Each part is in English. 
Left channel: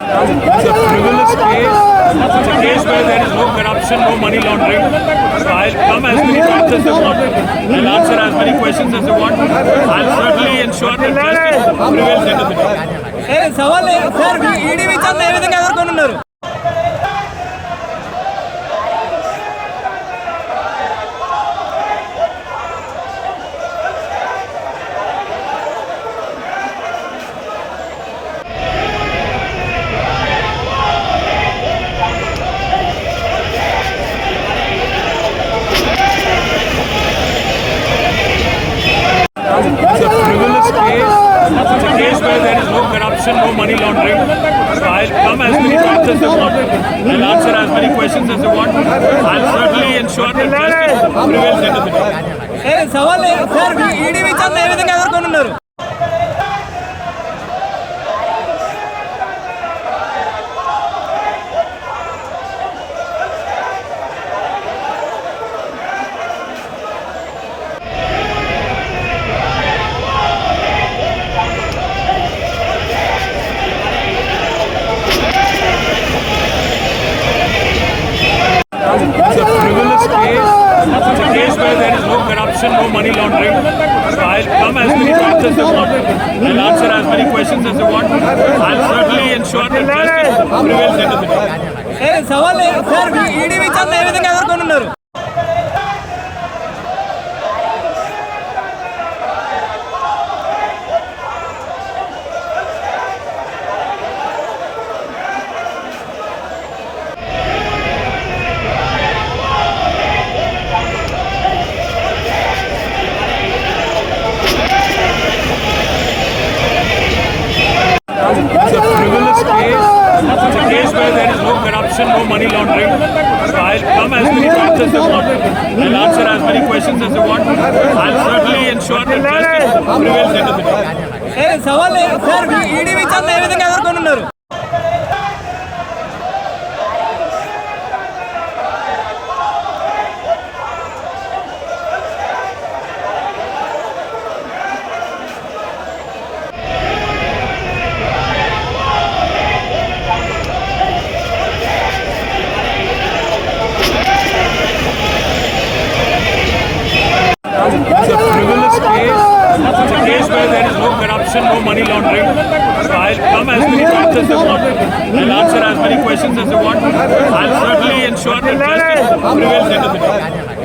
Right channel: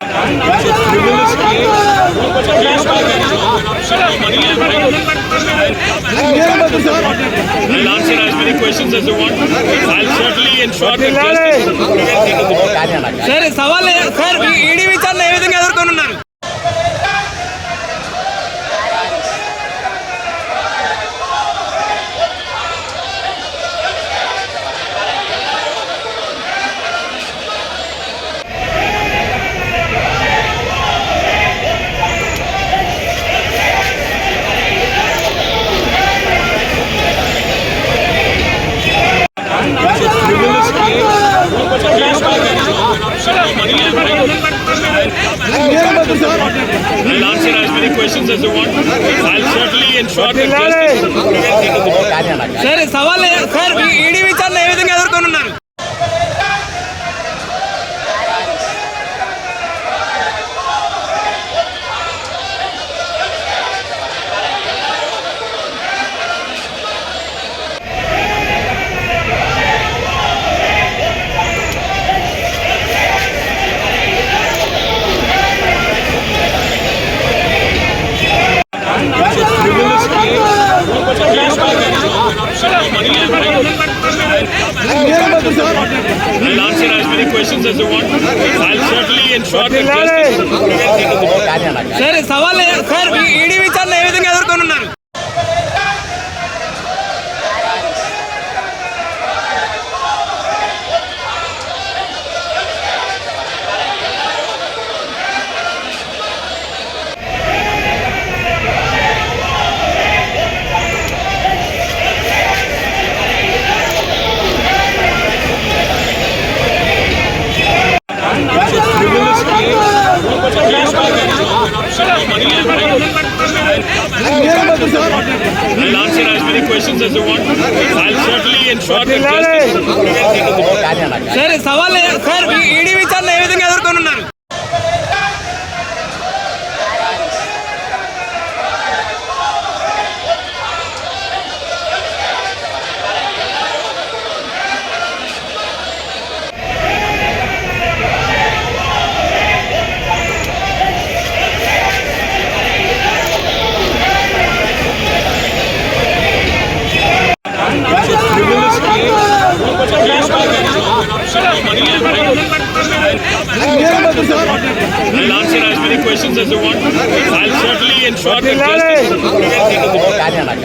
It's a frivolous case. It's a case where there is no corruption, no money laundering. So I'll come as many facts as they want. I'll answer as many questions as they want. I'll certainly ensure that justice prevails end of the day. Sir సవాల్ sir ED విచారణ ఏ విధంగా ఎదుర్కొనున్నారు? It's a frivolous case. It's a case where there is no corruption, no money laundering. So I'll come as many facts as they want. I'll answer as many questions as they want. I'll certainly ensure that justice prevails end of the day. Sir సవాల్ sir ED విచారణ ఏ విధంగా ఎదుర్కొనున్నారు? It's a frivolous case. It's a case where there is no corruption, no money laundering. So I'll come as many facts as they want. I'll answer as many questions as they want. I'll certainly ensure that justice prevails end of the day. Sir సవాల్ sir ED విచారణ ఏ విధంగా ఎదుర్కొనున్నారు? It's a frivolous case. It's a case where there is no corruption, no money laundering. So I'll come as many facts as they want. I'll answer as many questions as they want. I'll certainly ensure that justice prevails end of the day. Sir సవాల్ sir ED విచారణ ఏ విధంగా ఎదుర్కొనున్నారు? It's a frivolous case. It's a case where there is no corruption, no money laundering. So I'll come as many facts as they want. I'll answer as many questions as they want. I'll certainly ensure that justice prevails end of the day.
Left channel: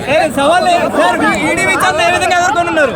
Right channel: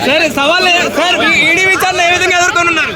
Sir సవాల్ sir ED విచారణ ఏ విధంగా ఎదుర్కొనున్నారు?